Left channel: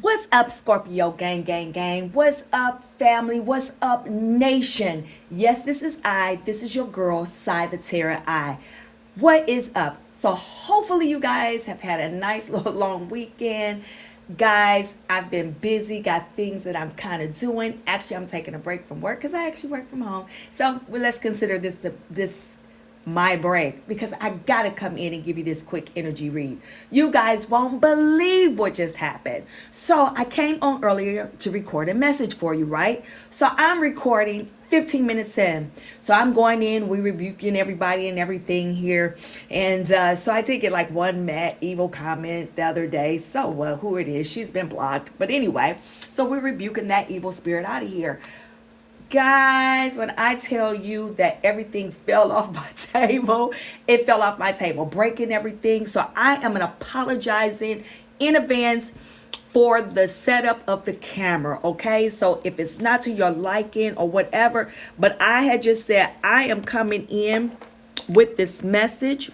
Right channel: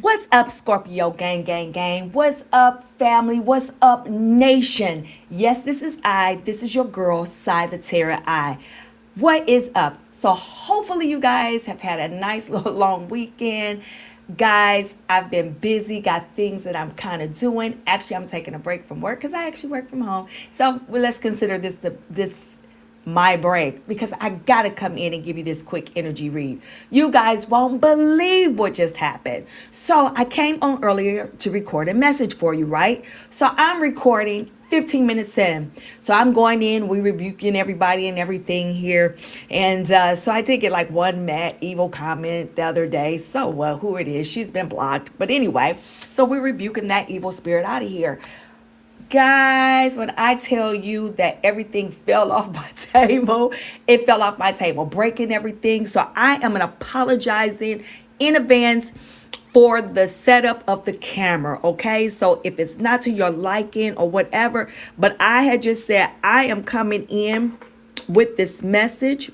What's up, Scorpio gang, gang, gang? What's up, family? What's up, nation? Yes, this is I. This is your girl, Cy the Terror I. What is up? So, hopefully, you guys have had a nice little long weekend. Guys, I've been busy, got things that I'm kind of doing. Actually, I'm taking a break from work because I actually work from home. So, let's consider this my break because I gotta come in and give you this quick energy read. You guys won't believe what just happened. So I came on earlier to record a message for you, right? So I'm recording 15 minutes in. So I'm going in, we rebuking everybody and everything here. And so I did get like one mad evil comment the other day. So who it is, she's been blocked. But anyway, so we're rebuking that evil spirit out of here. Guys, when I tell you that everything fell off my table, it fell off my table, breaking everything. So I am apologizing in advance for the setup of the camera, okay? So if it's not to your liking or whatever, but I had just said I am coming in with this message.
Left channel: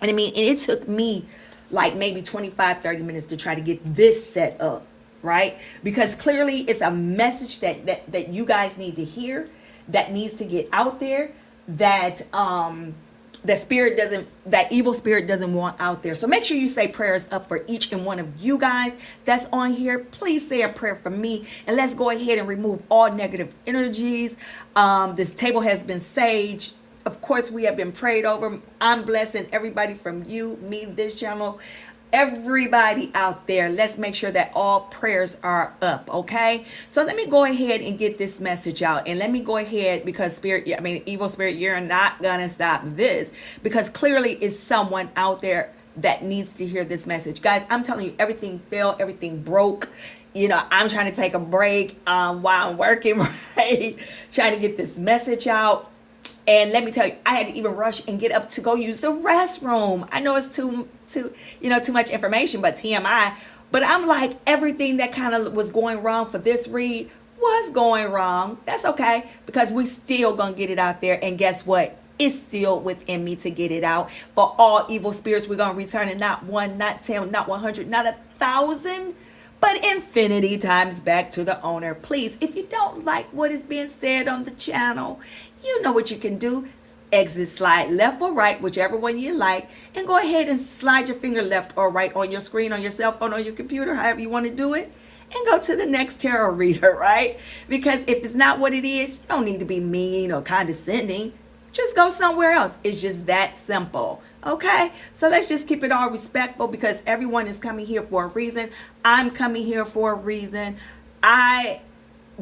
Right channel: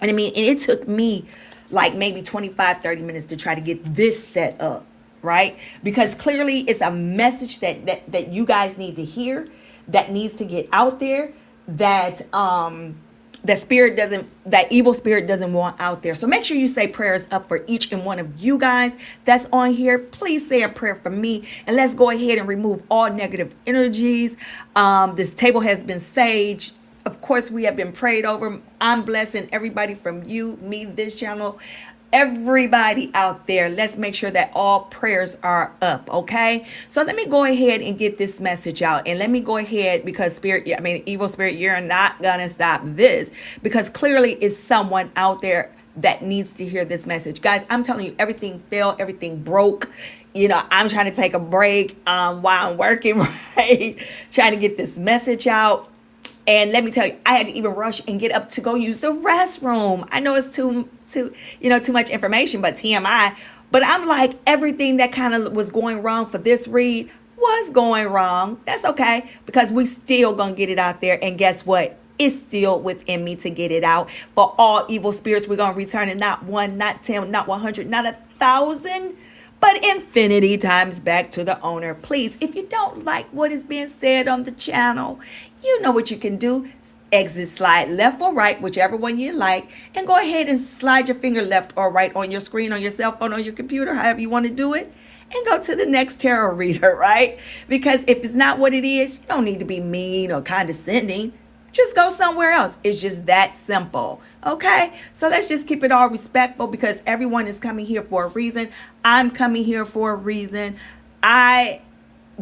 And it took me like maybe 25-30 minutes to try to get this set up, right? Because clearly it's a message that you guys need to hear, that needs to get out there, that that evil spirit doesn't want out there. So make sure you say prayers up for each and one of you guys that's on here. Please say a prayer for me, and let's go ahead and remove all negative energies. This table has been saged. Of course, we have been prayed over. I'm blessing everybody from you, me, this channel, everybody out there. Let's make sure that all prayers are up, okay? So let me go ahead and get this message out. And let me go ahead, because evil spirit, you're not gonna stop this, because clearly it's someone out there that needs to hear this message. Guys, I'm telling you, everything failed, everything broke. I'm trying to take a break while I'm working, right? Trying to get this message out. And let me tell you, I had to even rush and get up to go use the restroom. I know it's too much information, but TMI. But I'm like, everything that kind of was going wrong for this read was going wrong. That's okay, because we still gonna get it out there. And guess what? It's still within me to get it out. For all evil spirits, we're gonna return it, not one, not 10, not 100, not 1,000, but infinity times back to the owner. Please, if you don't like what is being said on the channel, you know what you can do. Exit, slide left or right, whichever one you like, and go ahead and slide your finger left or right on your screen, on your cell phone, on your computer, however you want to do it, and go to the next tarot reader, right? Because if it's not what it is, you don't need to be mean or condescending. Just go somewhere else. It's just that simple. Okay? So let's just keep it all respectful, because everyone is coming here for a reason. I'm coming here for a reason. I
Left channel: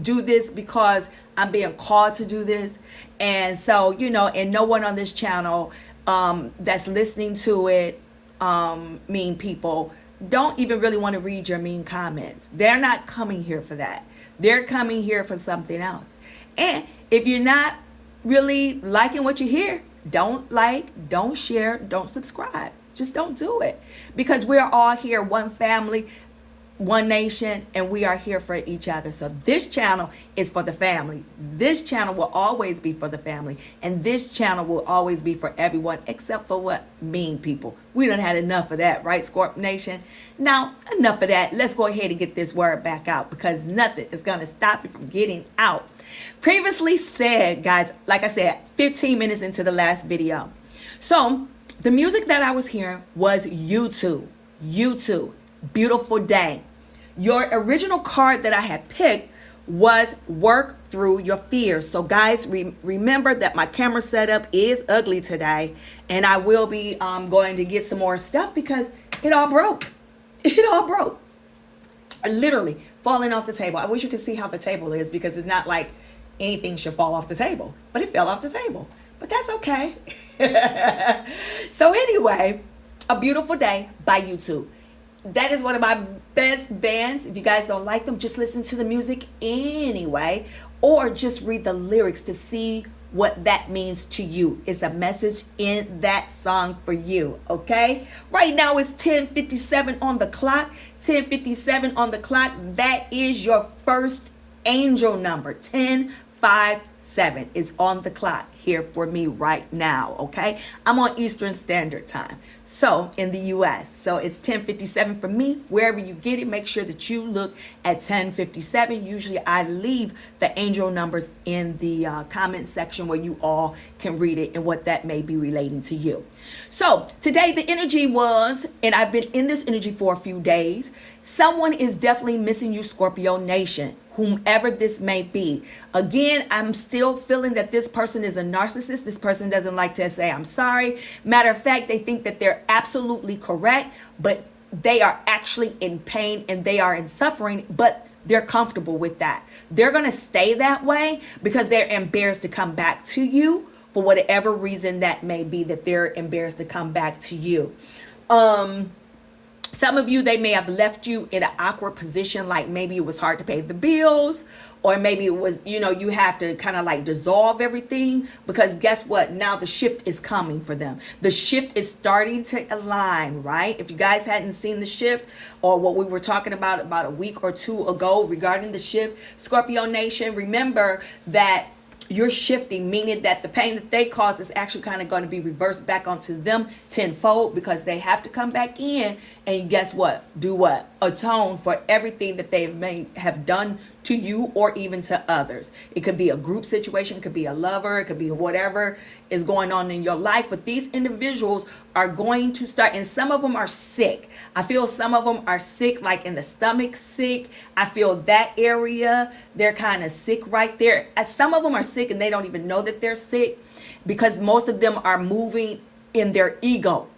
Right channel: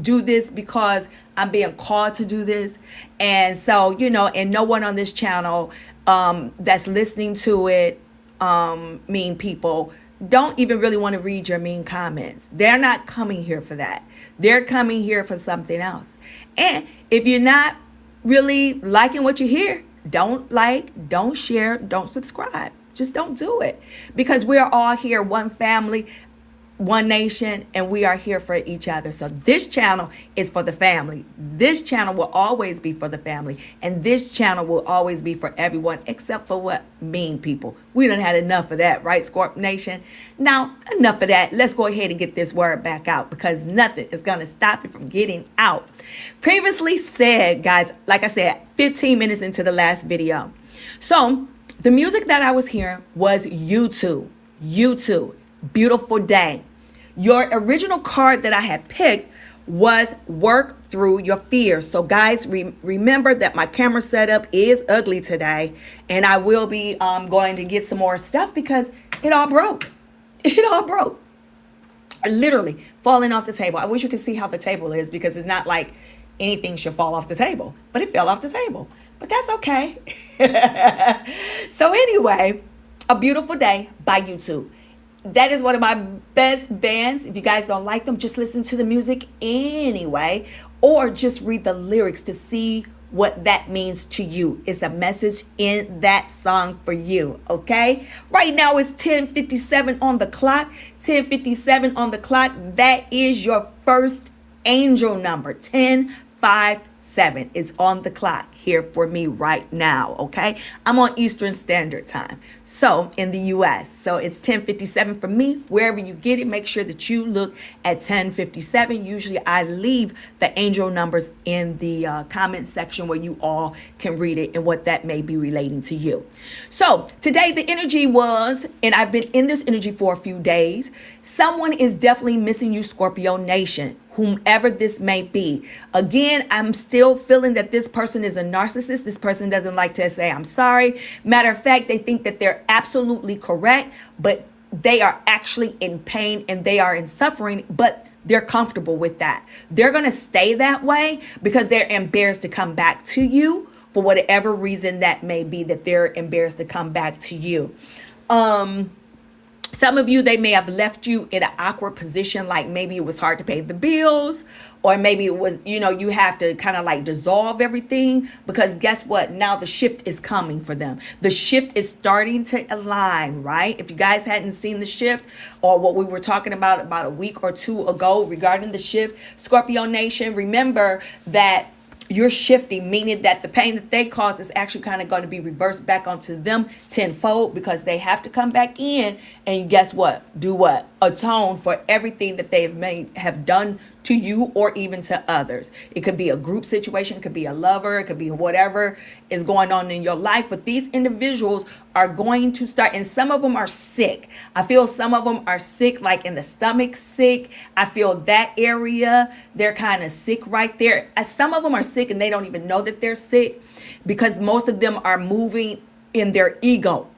do this because I'm being called to do this. And so, and no one on this channel that's listening to it, mean people, don't even really want to read your mean comments. They're not coming here for that. They're coming here for something else. And if you're not really liking what you hear, don't like, don't share, don't subscribe. Just don't do it, because we're all here, one family, one nation, and we are here for each other. So this channel is for the family. This channel will always be for the family, and this channel will always be for everyone, except for what? Mean people. We done had enough of that, right, Scorp Nation? Now, enough of that. Let's go ahead and get this word back out, because nothing is going to stop it from getting out. Previously said, guys, like I said, 15 minutes into the last video. So the music that I was hearing was YouTube. Beautiful Day. Your original card that I had picked was Work Through Your Fears. So guys, remember that my camera setup is ugly today, and I will be going to get some more stuff because it all broke. It all broke. Literally falling off the table. I wish you could see how the table is, because it's not like anything should fall off the table, but it fell off the table. But that's okay. So anyway, A Beautiful Day by YouTube. That is one of my best bands. If you guys don't like them, just listen to the music anyway, or just read the lyrics to see what that means to you. It's a message in that song for you, okay? Right now it's 10:57 on the clock. 10:57 on the clock. That is your first angel number. 1057 is on the clock. here for me right now, okay? I'm on Eastern Standard Time, so in the U.S. So it's 10:57 for me. Wherever you get it, make sure that you look at 10:57. Usually I leave the angel numbers in the comment section where you all can read it and what that may be relating to you. So today the energy was, and I've been in this energy for a few days, someone is definitely missing you, Scorpio Nation, whomever this may be. Again, I'm still feeling that this person is a narcissist. This person doesn't like to say, I'm sorry. Matter of fact, they think that they're absolutely correct, but they are actually in pain and they are in suffering, but they're comfortable with that. They're going to stay that way because they're embarrassed to come back to you for whatever reason that may be, that they're embarrassed to come back to you. Some of you, they may have left you in an awkward position, like maybe it was hard to pay the bills, or maybe it was, you have to kind of like dissolve everything, because guess what? Now the shift is coming for them. The shift is starting to align, right? If you guys hadn't seen the shift or what we were talking about a week or two ago regarding the shift, Scorpio Nation, remember that you're shifting, meaning that the pain that they caused is actually kind of going to be reversed back onto them tenfold, because they have to come back in and guess what? Do what? Atone for everything that they have done to you or even to others. It could be a group situation, it could be a lover, it could be whatever is going on in your life. But these individuals are going to start, and some of them are sick. I feel some of them are sick, like in the stomach sick. I feel that area, they're kind of sick right there. Some of them are sick and they don't even know that they're sick, because most of them are moving in their ego.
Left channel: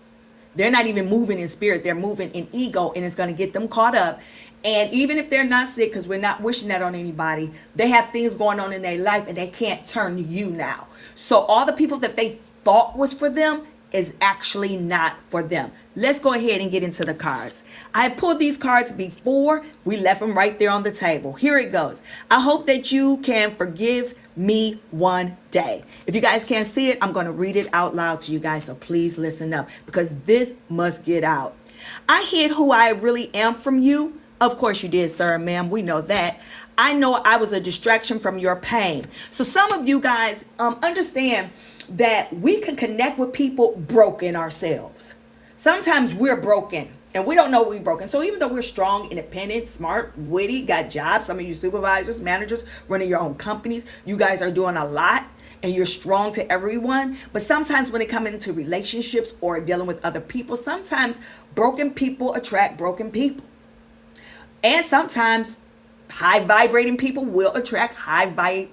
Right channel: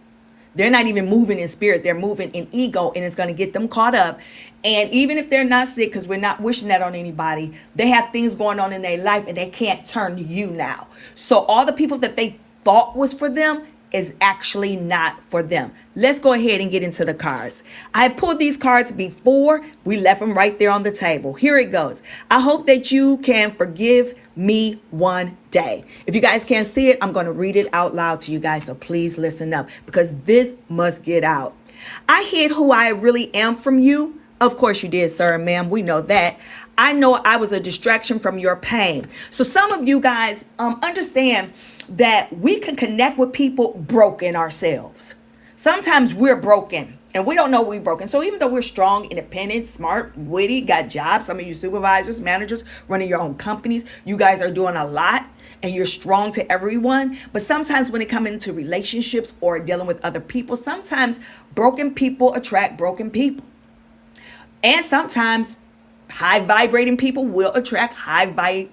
They're not even moving in spirit. They're moving in ego, and it's going to get them caught up. And even if they're not sick, because we're not wishing that on anybody, they have things going on in their life and they can't turn to you now. So all the people that they thought was for them is actually not for them. Let's go ahead and get into the cards. I pulled these cards before. We left them right there on the table. Here it goes. I hope that you can forgive me one day. If you guys can't see it, I'm going to read it out loud to you guys. So please listen up, because this must get out. I hid who I really am from you. Of course you did, sir and ma'am. We know that. I know I was a distraction from your pain. So some of you guys understand that we can connect with people broken ourselves. Sometimes we're broken and we don't know we're broken. So even though we're strong, independent, smart, witty, got jobs, some of you supervisors, managers, running your own companies, you guys are doing a lot and you're strong to everyone. But sometimes when it comes into relationships or dealing with other people, sometimes broken people attract broken people. And sometimes high vibrating people will attract high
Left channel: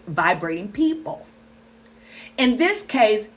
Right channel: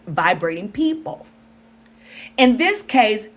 vibrating people. In this case,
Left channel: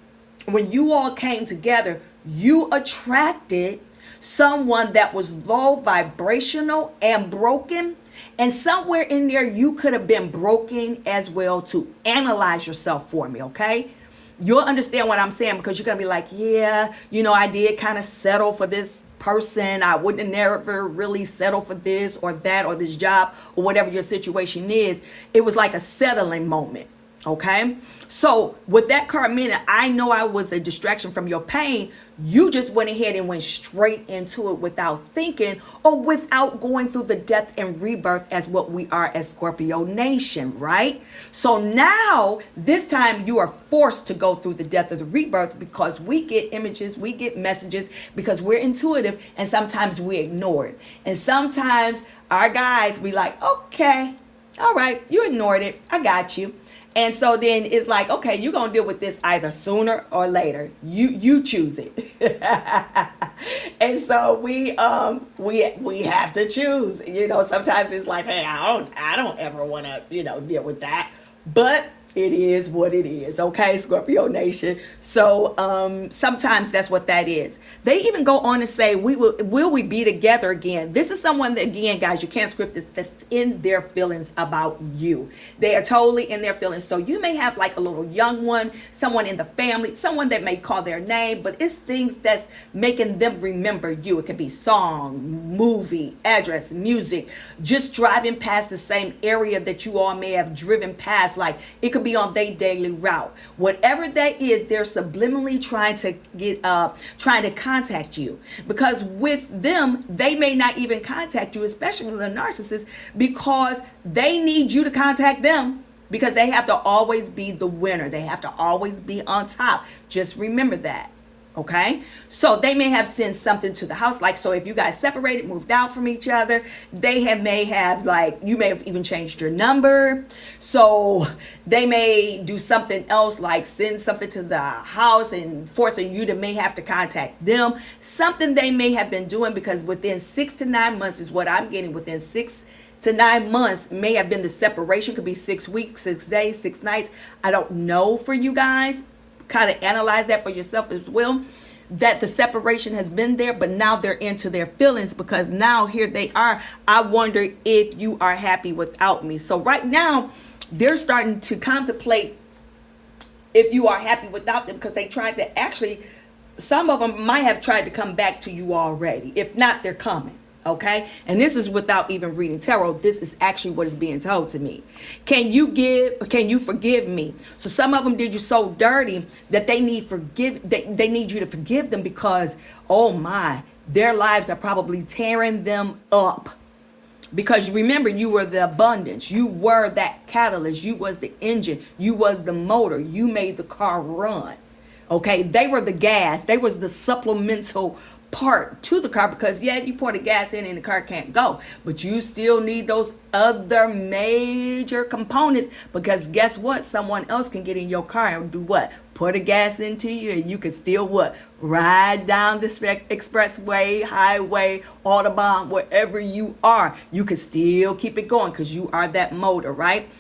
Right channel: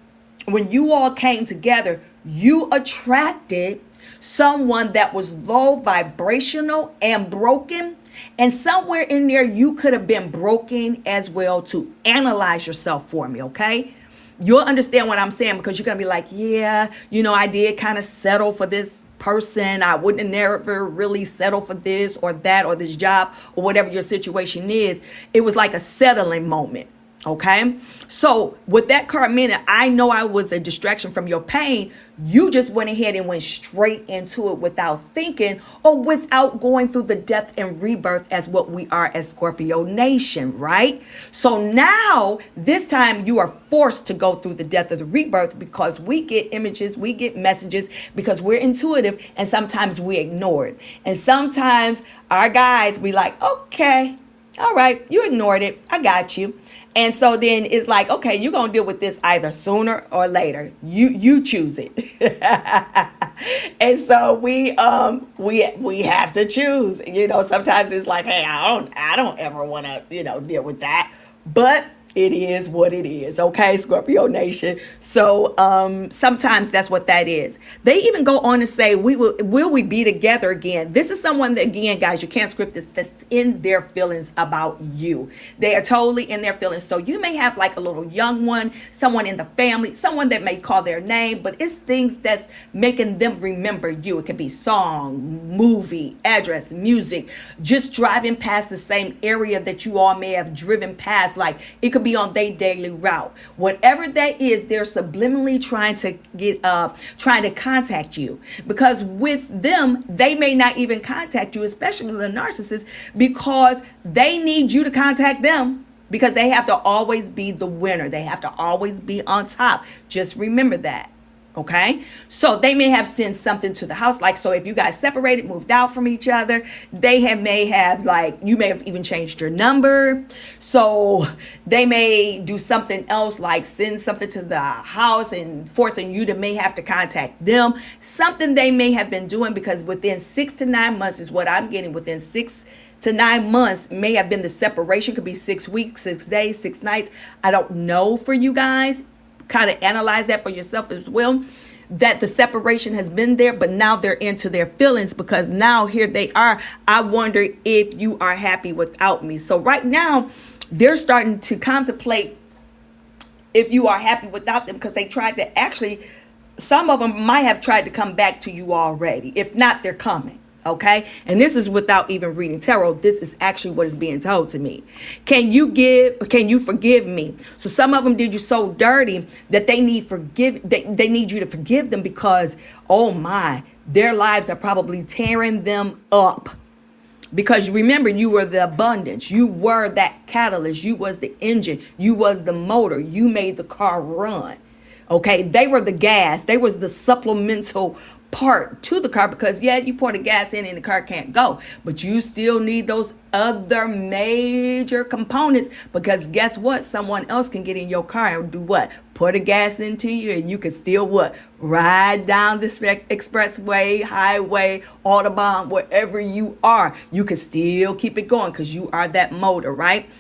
when you all came together, you attracted someone that was low vibrational and broken. And somewhere in there, you could have been broken as well. To analyze yourself for me, okay? You'll understand what I'm saying, because you're going to be like, yeah, I did kind of settle for this person. I wouldn't have never really settled for this or that or this job or whatever your situation is. It was like a settling moment. Okay. So with that card meaning, I know I was a distraction from your pain. You just went ahead and went straight into it without thinking or without going through the death and rebirth as what we are as Scorpio Nation, right? So now this time you are forced to go through the death of the rebirth, because we get images, we get messages, because we're intuitive, and sometimes we ignore it. And sometimes our guys, we like, okay, all right, you ignored it. I got you. And so then it's like, okay, you're going to deal with this either sooner or later. You choose it. And so we have to choose. Sometimes it's like, hey, I don't ever want to, deal with that. But it is what it is. Okay, Scorpio Nation. So sometimes that's what that is. They even go on to say, will we be together again? This is someone that, again, guys, you can't script this, that's in their feelings about you. They are totally in their feelings. So you may have like a little young one, someone in the family, someone that may call their name, but it's things that's making them remember you. It could be song, movie, address, music, just driving past the same area that you all may have driven past. Like it could be on their daily route. Whatever that is, they're subliminally trying to contact you, because with them, they may not even contact you, especially the narcissist, because they need you to contact them. because they have to always be the winner. They have to always be on top. Just remember that. Okay, so they may have sent something to the house, like, so if you guys separated, moved out from each other, may have, like, you may have even changed your number, so they may do something else, like send something to the house and forcing you to may have to contact them. Something they may have been doing, because within 6 to 9 months is what I'm getting. Within 6 to 9 months may have been the separation. Could be 6 weeks, 6 days, 6 nights. I don't know for you guys. Kind of analyze that for yourself as well, that the separation has been there, but now they're into their feelings, because now here they are. I wonder if you are happy without me. So right now they're starting to contemplate if you are happy without them, because they tried to actually, some of them might have tried to come back to you already. If not, they're coming. Okay, and this is without even reading tarot. This is actually what is being told to me. Can you forgive me? So some of them did you so dirty that they need they need you to forgive them, because, oh my, their lives are probably tearing them up. Because remember, you were the abundance. You were that catalyst. You was the engine. You was the motor. You made the car run. Okay, they were the gas. They was the supplemental part to the car, because yeah, you pour the gas in and the car can't go, but you still need those other major components, because guess what, someone else can get in your car and do what? Pour the gas into you, and you can still what? Ride down this expressway, highway, autobahn, wherever you are, you can still keep it going, because you are that motor, right?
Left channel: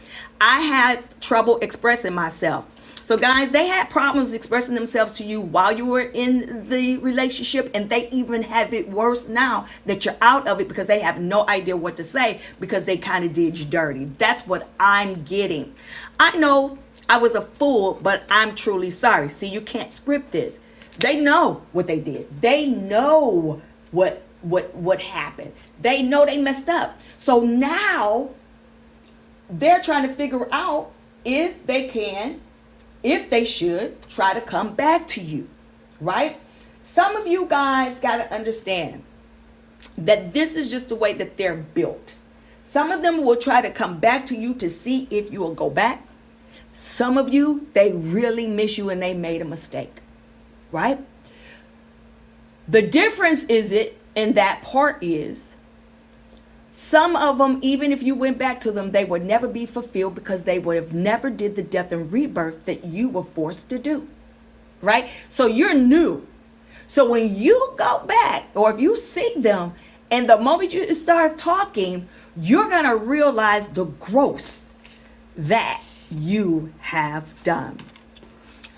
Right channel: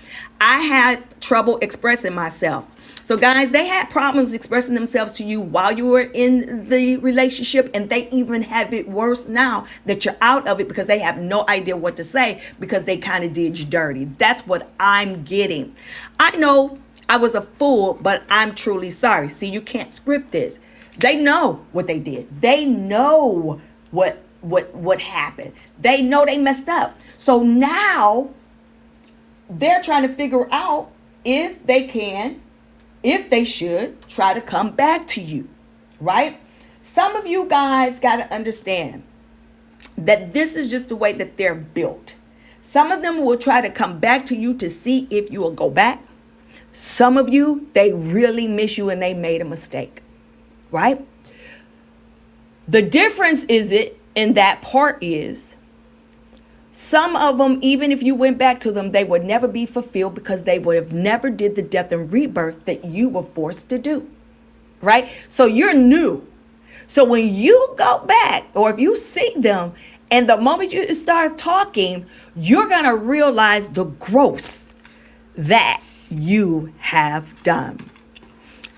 I had trouble expressing myself. So guys, they had problems expressing themselves to you while you were in the relationship, and they even have it worse now that you're out of it, because they have no idea what to say, because they kind of did you dirty. That's what I'm getting. I know I was a fool, but I'm truly sorry. See, you can't script this. They know what they did. They know what happened. They know they messed up. So now they're trying to figure out if they can, if they should try to come back to you, right? Some of you guys got to understand that this is just the way that they're built. Some of them will try to come back to you to see if you will go back. Some of you, they really miss you and they made a mistake, right? The difference in that part is, some of them, even if you went back to them, they would never be fulfilled, because they would have never did the death and rebirth that you were forced to do, right? So you're new. So when you go back, or if you see them, and the moment you start talking, you're going to realize the growth that you have done,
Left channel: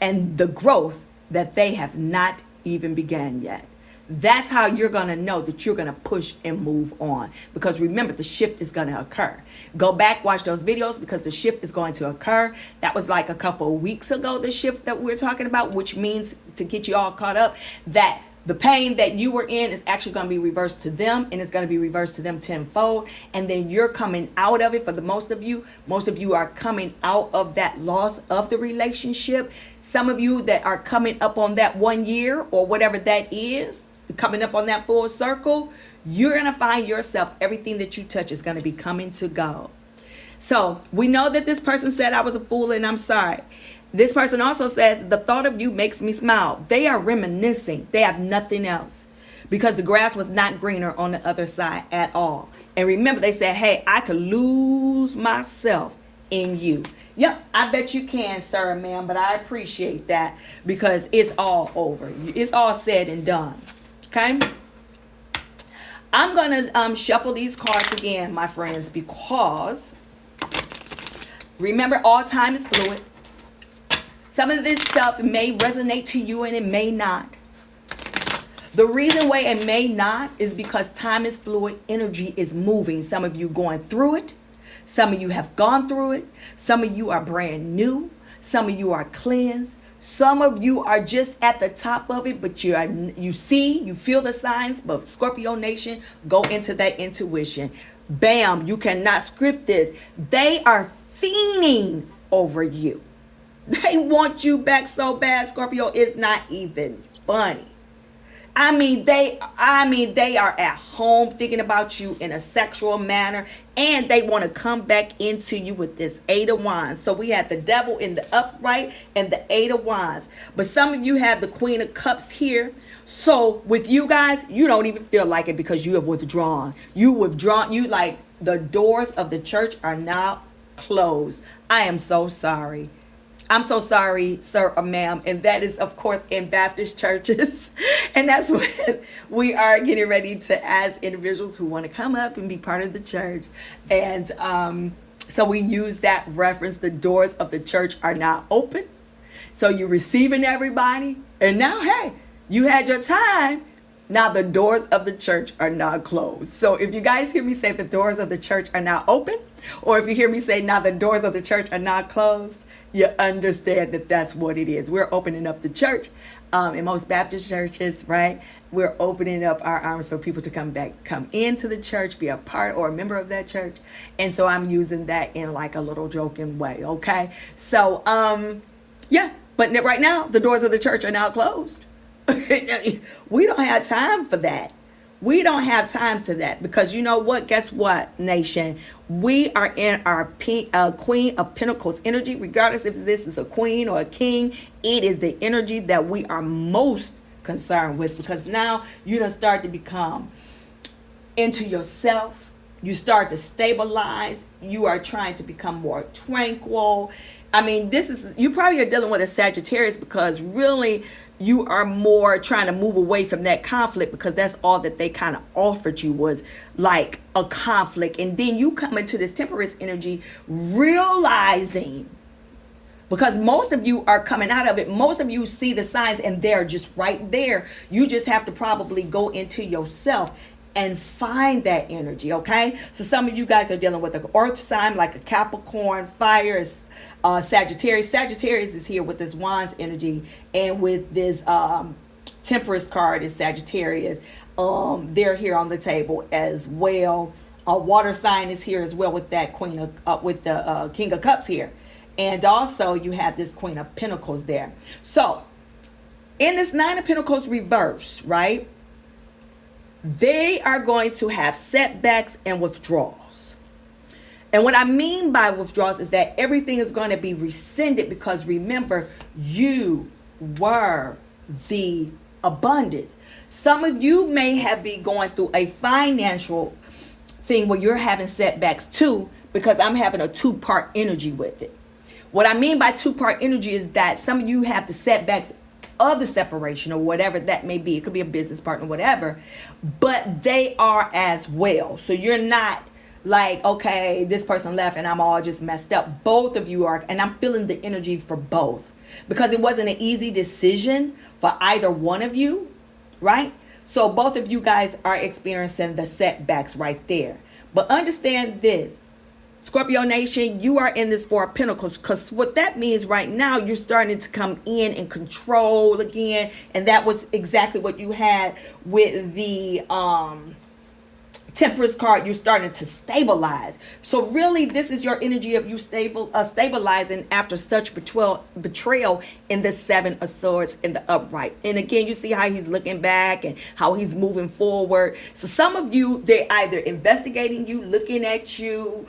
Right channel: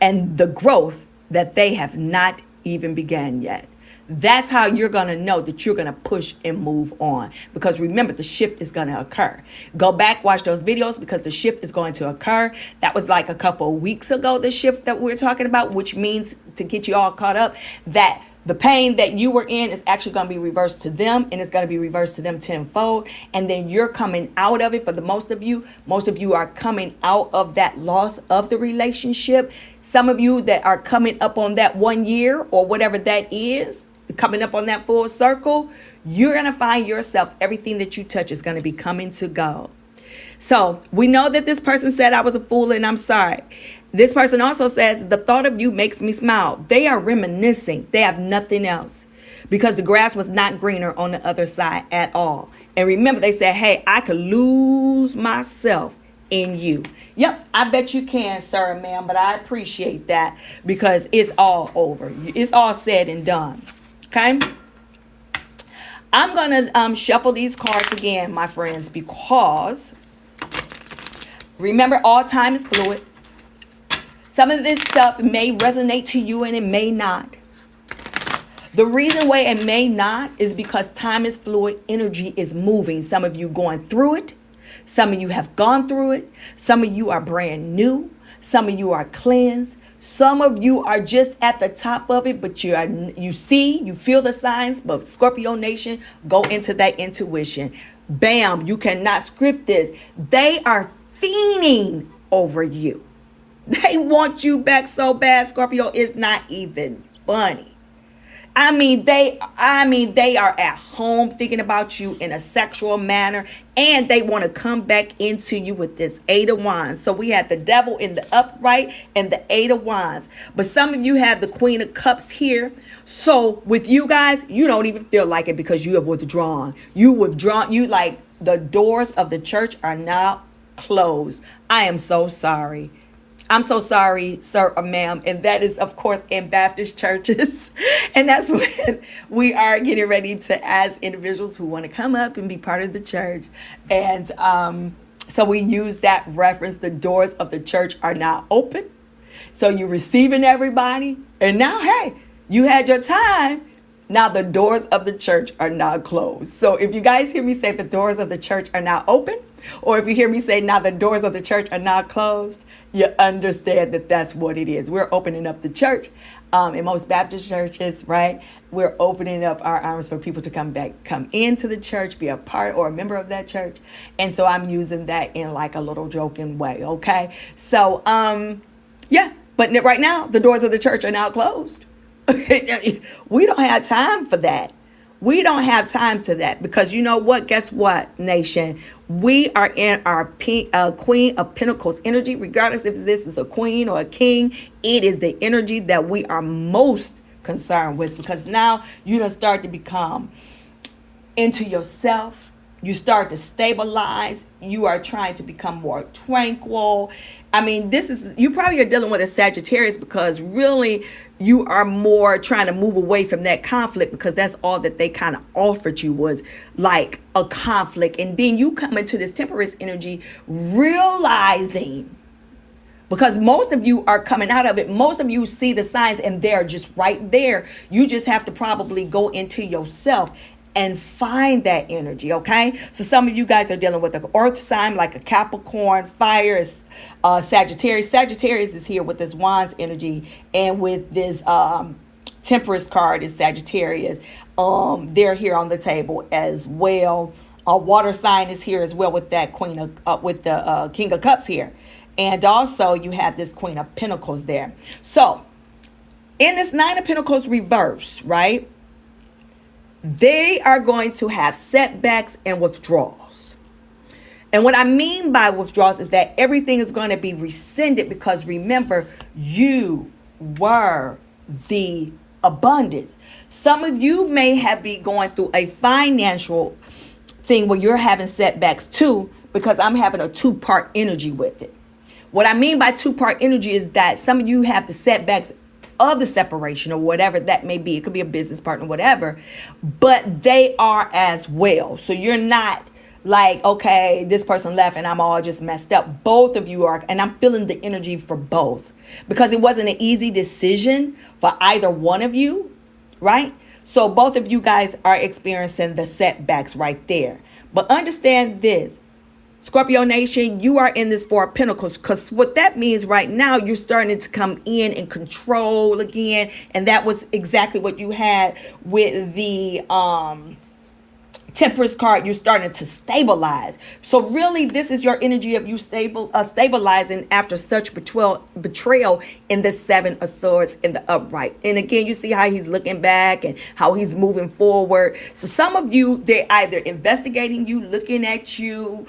and the growth that they have not even began yet. That's how you're going to know that you're going to push and move on. Because remember, the shift is going to occur. Go back, watch those videos, because the shift is going to occur. That was like a couple of weeks ago, the shift that we're talking about, which means, to get you all caught up, that the pain that you were in is actually going to be reversed to them, and it's going to be reversed to them tenfold. And then you're coming out of it. For the most of you are coming out of that loss of the relationship. Some of you that are coming up on that 1 year, or whatever that is, coming up on that full circle, you're going to find yourself, everything that you touch is going to be coming to go. So we know that this person said, I was a fool and I'm sorry. This person also says, the thought of you makes me smile. They are reminiscing. They have nothing else, because the grass was not greener on the other side at all. And remember, they said, hey, I could lose myself in you. Yep, I bet you can, sir, ma'am, but I appreciate that, because it's all over. It's all said and done. Okay, I'm going to shuffle these cards again, my friends, because remember, all time is fluid. Some of this stuff may resonate to you and it may not. The reason why it may not is because time is fluid, energy is moving. Some of you going through it. Some of you have gone through it. Some of you are brand new. Some of you are cleansed. Some of you are just at the top of it, but you feel the signs. But Scorpio Nation, go into that intuition. Bam, you cannot script this. They are fiending over you. They want you back so bad, Scorpio. It's not even funny. they are at home thinking about you in a sexual manner, and they want to come back into you with this Eight of Wands. So we have the Devil in the upright and the Eight of Wands. But some of you have the Queen of Cups here. So with you guys, you don't even feel like it because you have withdrawn. You like the doors of the church are now closed. I am so sorry. I'm so sorry, sir or ma'am. And that is, of course, in Baptist churches. And that's when we are getting ready to ask individuals who want to come up and be part of the church. And so we use that reference. The doors of the church are now open. So you're receiving everybody. And now, hey, you had your time. Now the doors of the church are now closed. So if you guys hear me say the doors of the church are now open, or if you hear me say now the doors of the church are now closed, you understand that that's what it is. We're opening up the church. In most Baptist churches, right? We're opening up our arms for people to come into the church, be a part or a member of that church. And so I'm using that in like a little joking way, okay? So, yeah, but right now, the doors of the church are now closed. We don't have time for that. We don't have time to that because you know what? Guess what, nation? We are in our Queen of Pentacles energy, regardless if this is a queen or a king. It is the energy that we are most concerned with because now you don't start to become into yourself. You start to stabilize. You are trying to become more tranquil. I mean, you probably are dealing with a Sagittarius because really you are more trying to move away from that conflict because that's all that they kind of offered you was like a conflict. And then you come into this Temperance energy realizing, because most of you are coming out of it, most of you see the signs and they're just right there. You just have to probably go into yourself and find that energy, okay? So some of you guys are dealing with an earth sign like a Capricorn. Fire is Sagittarius. Sagittarius is here with this Wands energy, and with this Temperance card is Sagittarius. They're here on the table as well. Water sign is here as well with that Queen of with the King of Cups here, and also you have this Queen of Pentacles there. So in this Nine of Pentacles reverse, right? They are going to have setbacks and withdrawals. And what I mean by withdrawals is that everything is going to be rescinded because remember, you were the abundance. Some of you may have been going through a financial thing where you're having setbacks too, because I'm having a two-part energy with it. What I mean by two-part energy is that some of you have the setbacks of the separation or whatever that may be. It could be a business partner, whatever, but they are as well. So you're not like, okay, this person left and I'm all just messed up. Both of you are, and I'm feeling the energy for both because it wasn't an easy decision for either one of you, right? So both of you guys are experiencing the setbacks right there. But understand this, Scorpio Nation, you are in this Four of Pentacles because what that means right now, you're starting to come in and control again. And that was exactly what you had with the Temperance card. You're starting to stabilize. So really, this is your energy of you stabilizing after such betrayal in the Seven of Swords in the upright. And again, you see how he's looking back and how he's moving forward. So some of you, they're either investigating you, looking at you,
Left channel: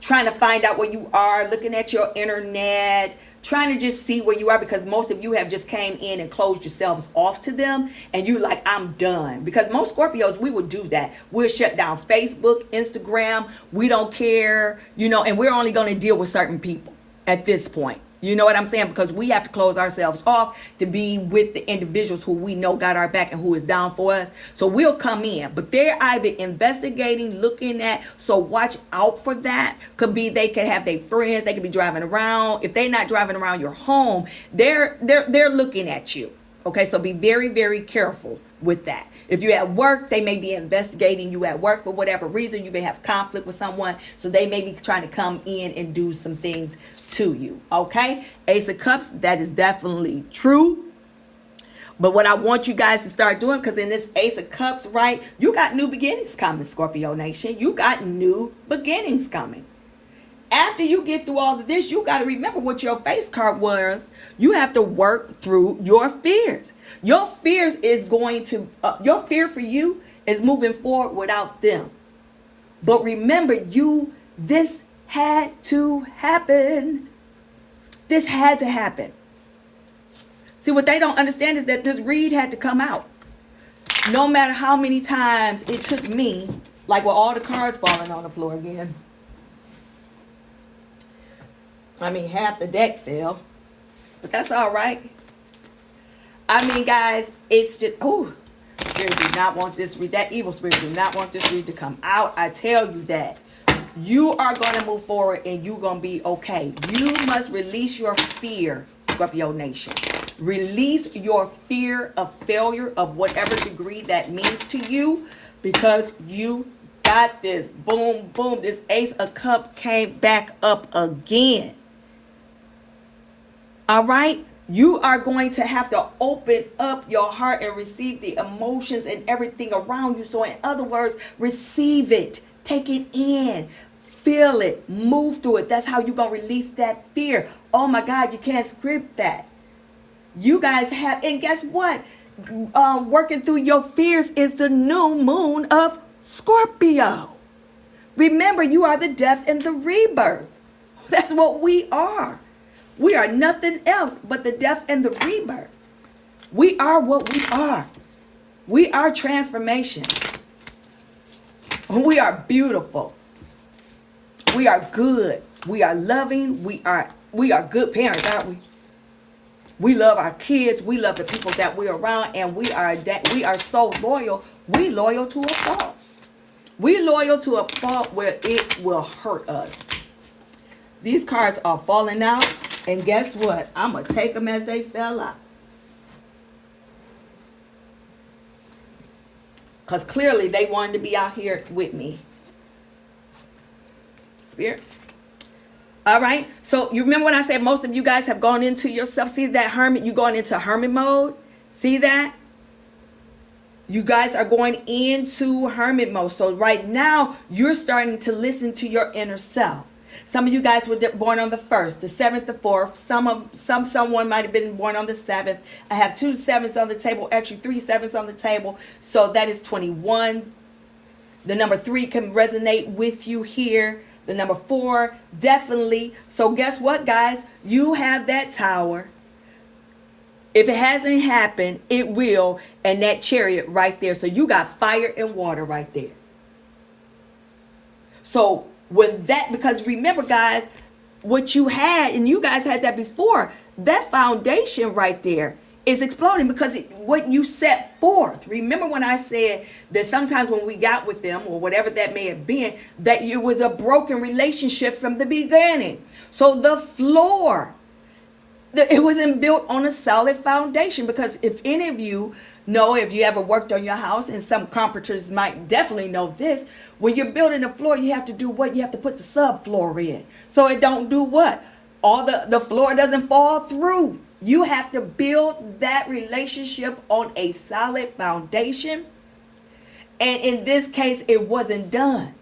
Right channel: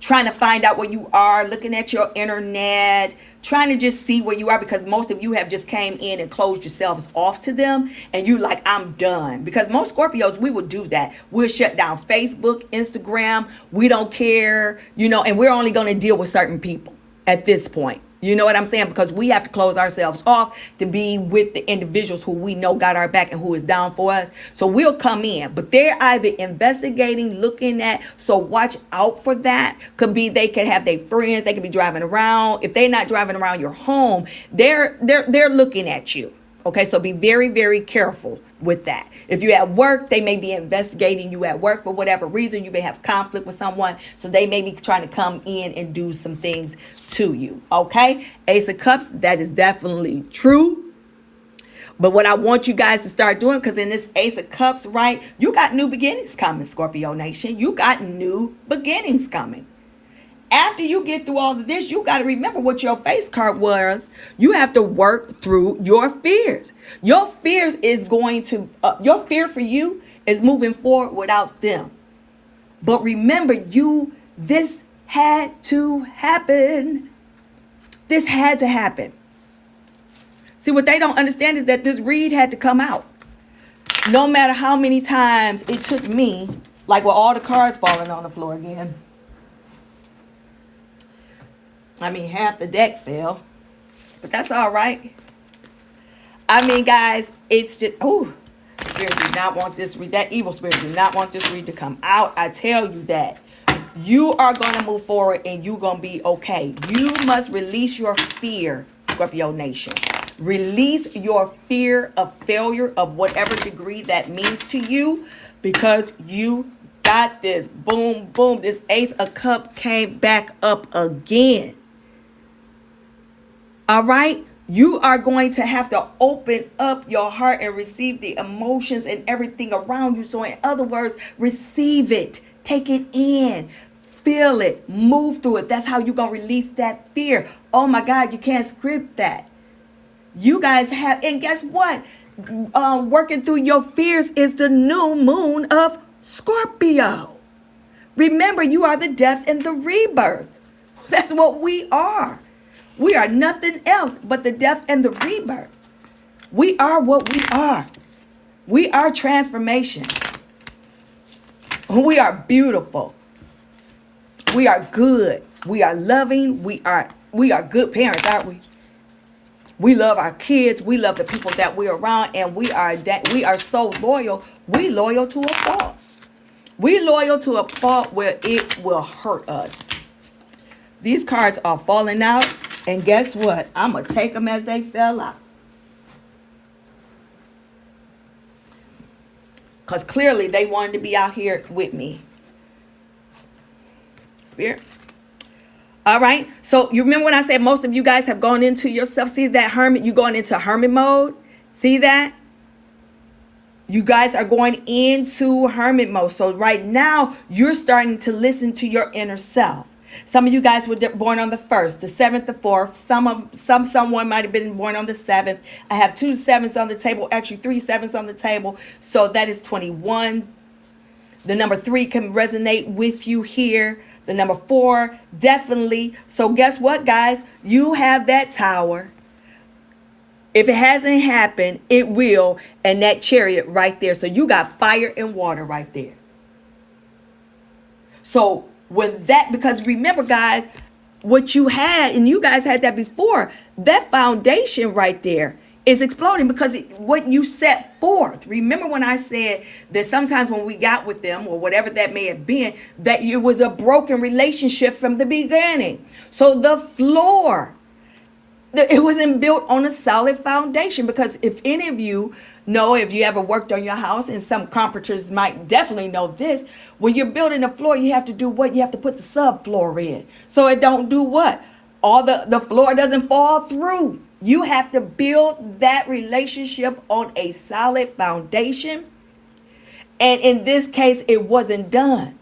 trying to find out where you are, looking at your internet, trying to just see where you are, because most of you have just came in and closed yourselves off to them and you like, I'm done. Because most Scorpios, we will do that. We'll shut down Facebook, Instagram. We don't care, and we're only going to deal with certain people at this point. You know what I'm saying? Because we have to close ourselves off to be with the individuals who we know got our back and who is down for us. So we'll come in, but they're either investigating, looking at, so watch out for that. Could be they could have their friends, they could be driving around. If they're not driving around your home, they're looking at you. Okay, so be very, very careful with that. If you're at work, they may be investigating you at work for whatever reason. You may have conflict with someone, so they may be trying to come in and do some things to you. Okay, Ace of Cups, that is definitely true. But what I want you guys to start doing, because in this Ace of Cups, right, you got new beginnings coming, Scorpio Nation. You got new beginnings coming. after you get through all of this, you got to remember what your face card was. You have to work through your fears. Your fears is going to, your fear for you is moving forward without them. But remember, this had to happen. This had to happen. See, what they don't understand is that this read had to come out. No matter how many times it took me, like with all the cards falling on the floor again. I mean, half the deck fell. But that's all right. I mean, guys, it's just, Spirit did not want this read. That evil spirit did not want this read to come out. I tell you that. You are going to move forward and you're going to be okay. You must release your fear, Scorpio Nation. Release your fear of failure of whatever degree that means to you, because you got this. Boom, boom. This Ace of Cups came back up again. All right? You are going to have to open up your heart and receive the emotions and everything around you. So in other words, receive it. Take it in. Feel it. Move through it. That's how you're going to release that fear. Oh my God, you can't script that. You guys have, and guess what? Working through your fears is the new moon of Scorpio. Remember, you are the death and the rebirth. That's what we are. We are nothing else but the death and the rebirth. We are what we are. We are transformation. We are beautiful. We are good. We are loving. We are good parents, aren't we? We love our kids. We love the people that we're around, and we are so loyal. We loyal to a fault. We loyal to a fault where it will hurt us. These cards are falling out, and guess what? I'm gonna take them as they fell out. Because clearly they wanted to be out here with me. Spirit. All right. So you remember when I said most of you guys have gone into yourself? See that hermit? You're going into hermit mode. See that? You guys are going into hermit mode. So right now you're starting to listen to your inner self. Some of you guys were born on the 1st, the 7th, the 4th. Someone might have been born on the 7th. I have 2 7s on the table, actually 3 7s on the table. So that is 21. The number 3 can resonate with you here. The number 4, definitely. So guess what, guys? You have that tower. If it hasn't happened, it will. And that chariot right there. So you got fire and water right there. So because remember, guys, what you had, and you guys had that before, that foundation right there is exploding because what you set forth. Remember when I said that sometimes when we got with them or whatever that may have been, that it was a broken relationship from the beginning. So the floor, it wasn't built on a solid foundation, because if any of you know, if you ever worked on your house, and some carpenters might definitely know this, when you're building a floor, you have to do what? You have to put the subfloor in. So it don't do what? All the floor doesn't fall through. You have to build that relationship on a solid foundation. And in this case, it wasn't done.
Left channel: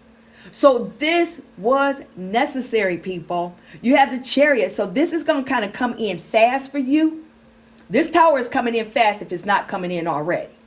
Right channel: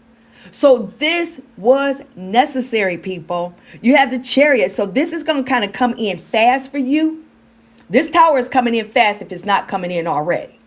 So this was necessary, people. You have the chariot. So this is going to kind of come in fast for you. This tower is coming in fast if it's not coming in already.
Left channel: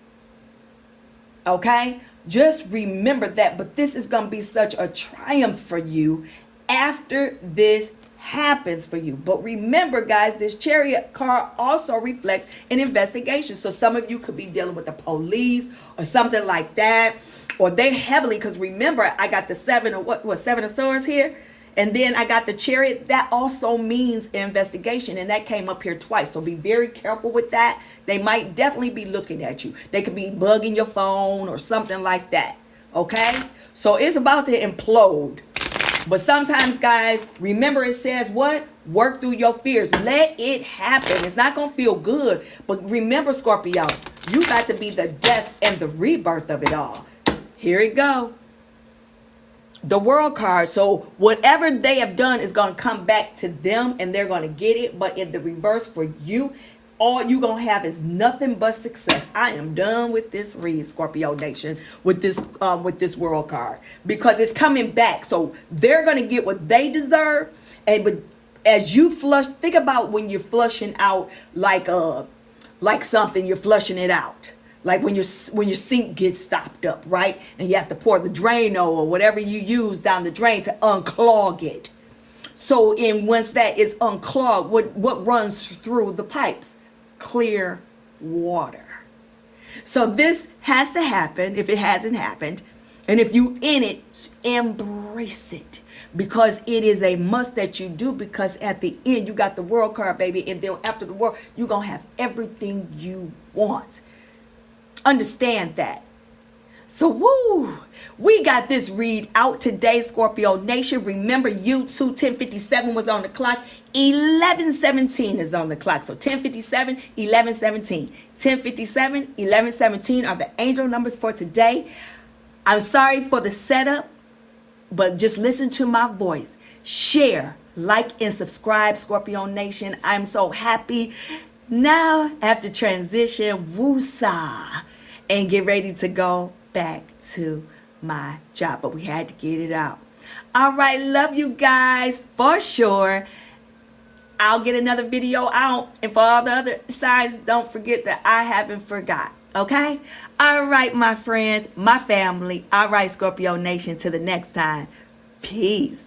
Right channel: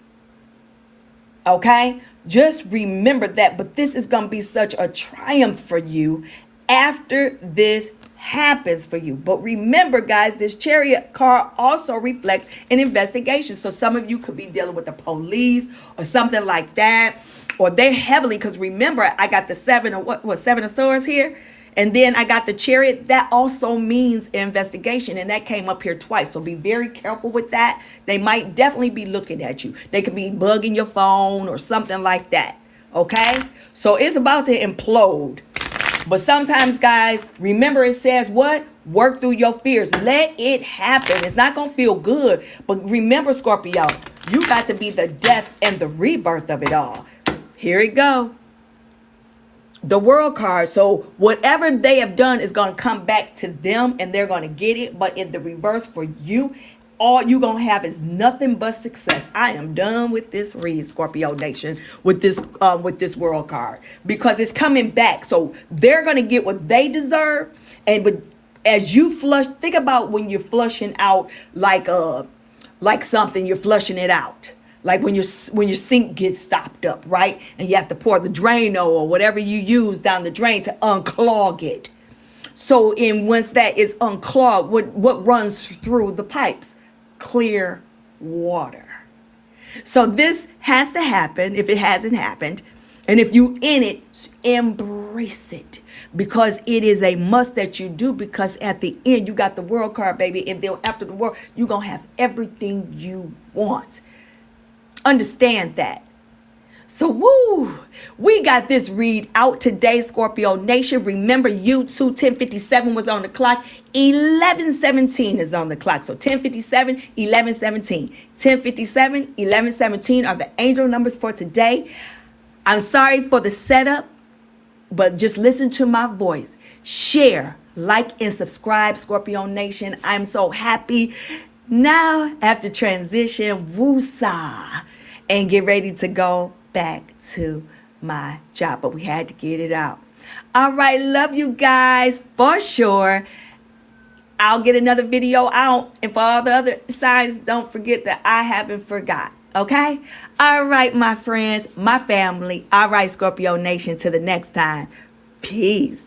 Okay? Just remember that. But this is going to be such a triumph for you after this happens for you. But remember, guys, this chariot card also reflects an investigation. So some of you could be dealing with the police or something like that, or they're heavily, because remember, I got the 7 of Swords here, and then I got the chariot. That also means investigation, and that came up here twice. So be very careful with that. They might definitely be looking at you. They could be bugging your phone or something like that. Okay? So it's about to implode. But sometimes, guys, remember it says what? Work through your fears. Let it happen. It's not going to feel good. But remember, Scorpio, you got to be the death and the rebirth of it all. Here it go. The World card. So whatever they have done is going to come back to them, and they're going to get it. But in the reverse for you, all you gonna have is nothing but success. I am done with this read, Scorpio Nation, with this world card, because it's coming back. So they're gonna get what they deserve. And but as you flush, think about when you're flushing out like something, you're flushing it out. Like when your sink gets stopped up, right? And you have to pour the Drano or whatever you use down the drain to unclog it. So once that is unclogged, what runs through the pipes? Clear water. So this has to happen if it hasn't happened. And if you in it, embrace it, because it is a must that you do, because at the end you got the world card, baby. And then after the world, you're going to have everything you want. Understand that. So, woo, we got this read out today, Scorpio Nation. Remember, YouTube 10:57 was on the clock. 11:17 is on the clock. So 10:57, 11:17. 10:57, 11:17 are the angel numbers for today. I'm sorry for the setup, but just listen to my voice. Share, like, and subscribe, Scorpio Nation. I'm so happy. Now, after transition, woosah, and get ready to go back to my job. But we had to get it out. All right, love you guys for sure. I'll get another video out. And for all the other signs, don't forget that I haven't forgot. Okay? All right, my friends, my family. All right, Scorpio Nation, till the next time. Peace.